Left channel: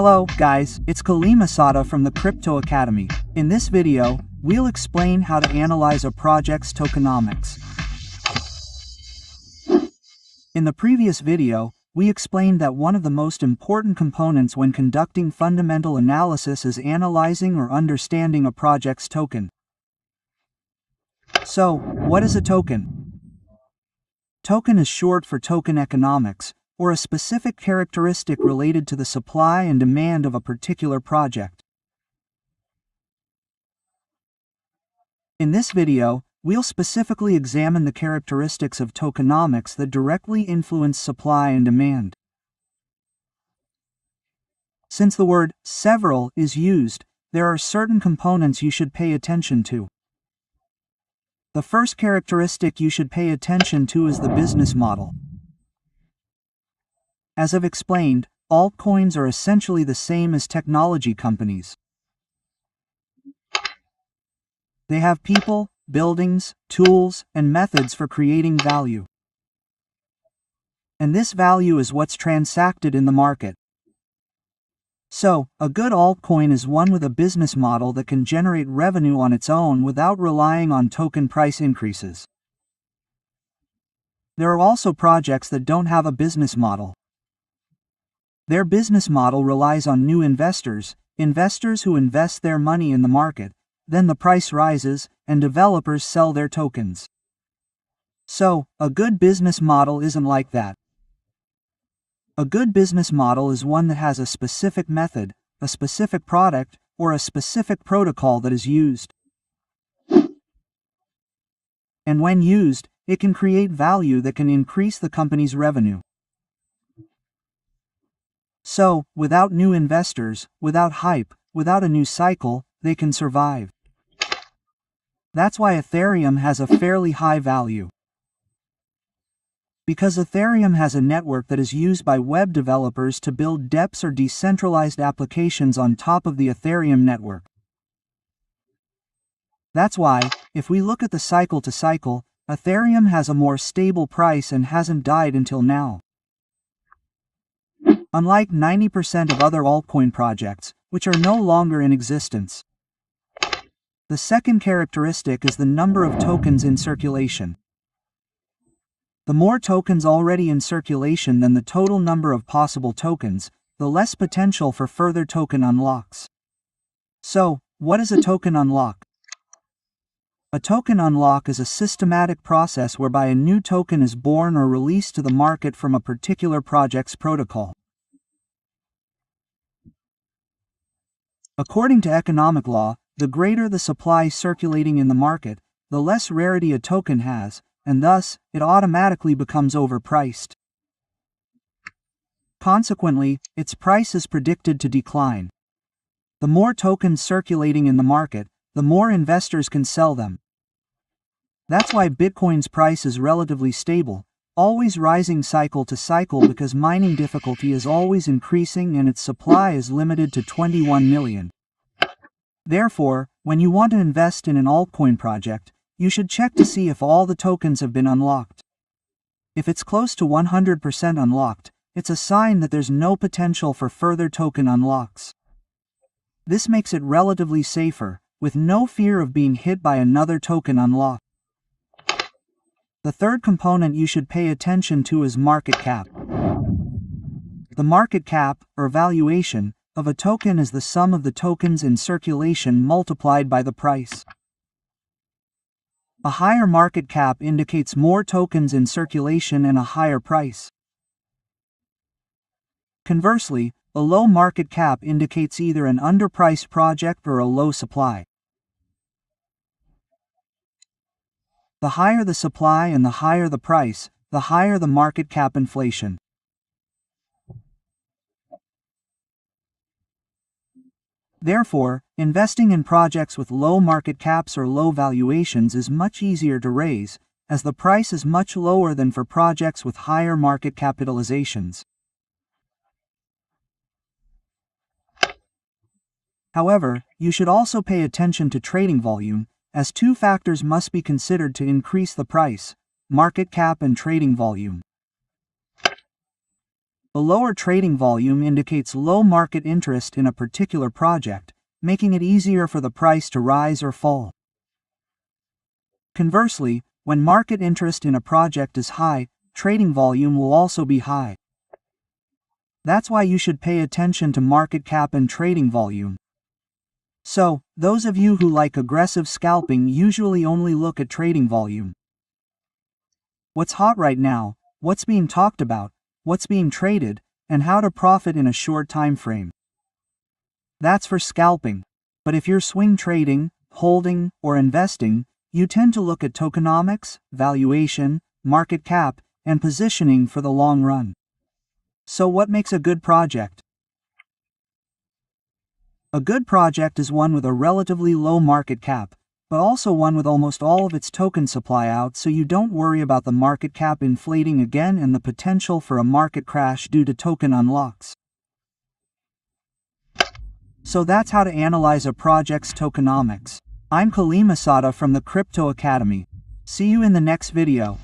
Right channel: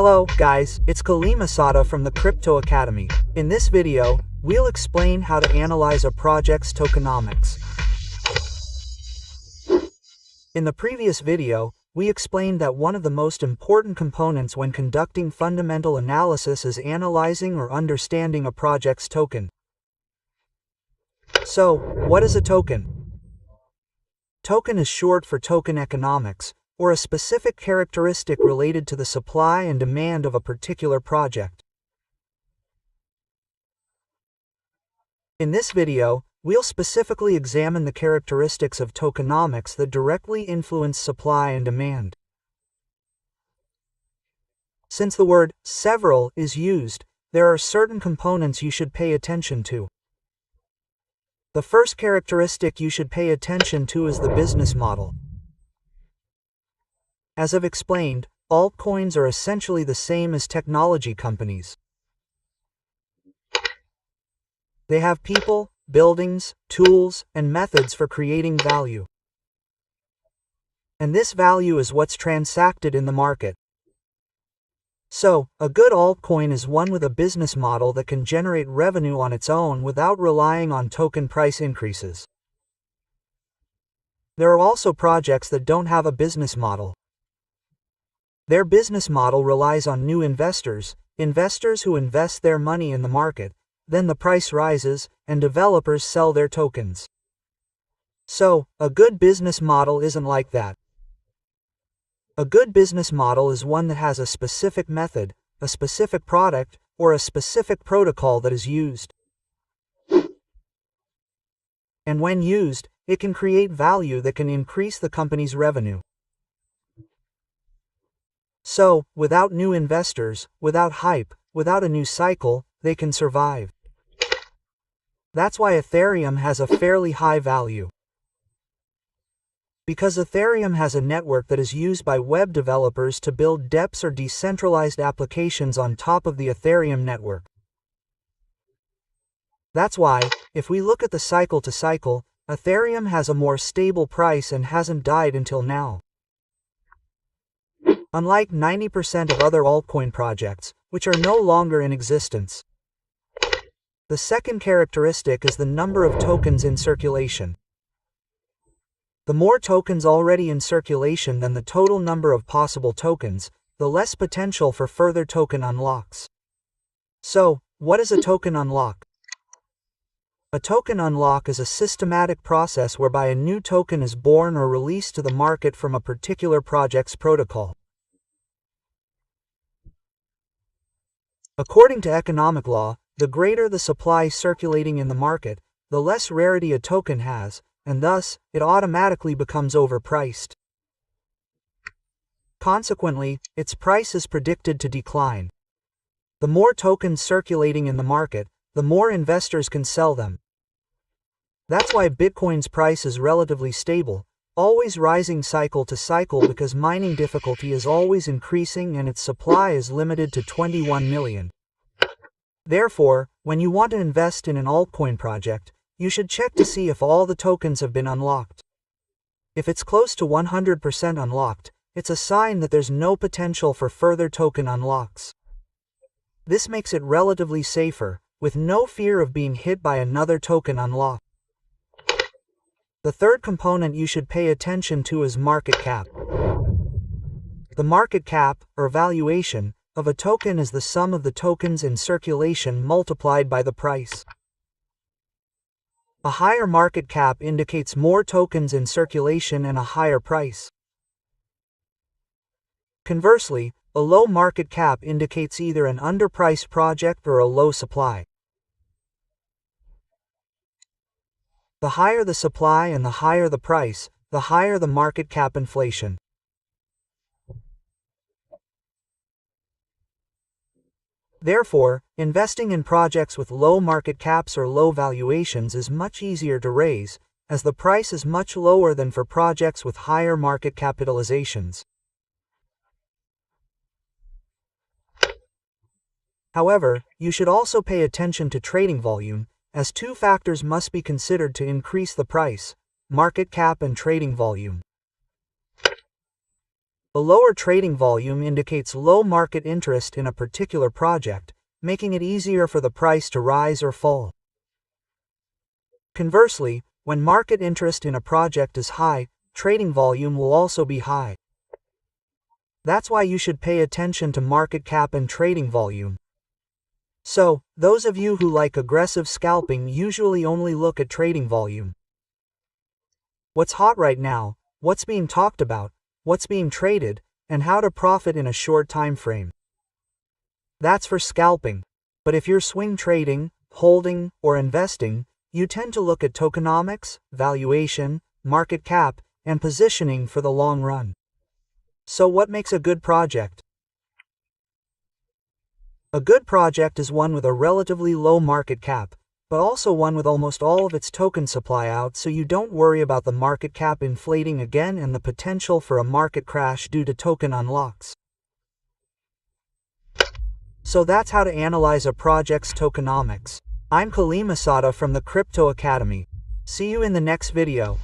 Hello, guys, it's Kalimasada from the Crypto Academy. In this video, we'll explain how to analyze a project's tokenomics. In the previous video, we explained that one of the most important components when conducting fundamental analysis is analyzing or understanding a project's token. So, what is a token? Token is short for token economics, or a specific characteristic related to the supply and demand of a particular project. In this video, we'll specifically examine the characteristics of tokenomics that directly influence supply and demand. Since the word several is used, there are certain components you should pay attention to. The first characteristic you should pay attention to is the business model. As I've explained, altcoins are essentially the same as technology companies. They have people, buildings, tools, and methods for creating value. And this value is what's transacted in the market. So, a good altcoin is one with a business model that can generate revenue on its own without relying on token price increases. There are also projects that don't have a business model. Their business model relies on new investors who invest their money in the market, then the price rises, and developers sell their tokens. So, a good business model isn't like that. A good business model is one that has a specific method, a specific product, or a specific protocol that is used. And when used, it can create value that can increase the company's revenue. So, without new investors, without hype, without a new cycle, they can survive. That's why Ethereum has a fairly high value. Because Ethereum has a network that is used by web developers to build dApps or decentralized applications on top of the Ethereum network. That's why, if we look at the cycle to cycle, Ethereum has a more stable price and hasn't died until now. Unlike 90% of other altcoin projects, which are no longer in existence. The second characteristic is the number of tokens in circulation. The more tokens already in circulation than the total number of possible tokens, the less potential for further token unlocks. So, what is a token unlock? A token unlock is a systematic process whereby a new token is born or released to the market from a particular project's protocol. According to economic law, the greater the supply circulating in the market, the less rarity a token has, and thus, it automatically becomes overpriced. Consequently, its price is predicted to decline. The more tokens circulating in the market, the more investors can sell them. That's why Bitcoin's price is relatively stable, always rising cycle to cycle because mining difficulty is always increasing and its supply is limited to 21 million. Therefore, when you want to invest in an altcoin project, you should check to see if all the tokens have been unlocked. If it's close to 100% unlocked, it's a sign that there's no potential for further token unlocks. This makes it relatively safer, with no fear of being hit by another token unlock. The third component you should pay attention to is market cap. The market cap, or valuation, of a token is the sum of the tokens in circulation multiplied by the price. A higher market cap indicates more tokens in circulation and a higher price. Conversely, a low market cap indicates either an underpriced project or a low supply. The higher the supply and the higher the price, the higher the market cap inflation. Therefore, investing in projects with low market caps or low valuations is much easier to raise, as the price is much lower than for projects with higher market capitalizations. However, you should also pay attention to trading volume, as two factors must be considered to increase the price: market cap and trading volume. A lower trading volume indicates low market interest in a particular project, making it easier for the price to rise or fall. Conversely, when market interest in a project is high, trading volume will also be high. That's why you should pay attention to market cap and trading volume. So, those of you who like aggressive scalping usually only look at trading volume. What's hot right now, what's being talked about, what's being traded, and how to profit in a short time frame. That's for scalping. But if you're swing trading, holding, or investing, you tend to look at tokenomics, valuation, market cap, and positioning for the long run. So what makes a good project? A good project is one with a relatively low market cap, but also one with almost all of its token supply out, so you don't worry about the market cap inflating again and the potential for a market crash due to token unlocks. So that's how to analyze a project's tokenomics. I'm Kalimasada from the Crypto Academy. See you in the next video.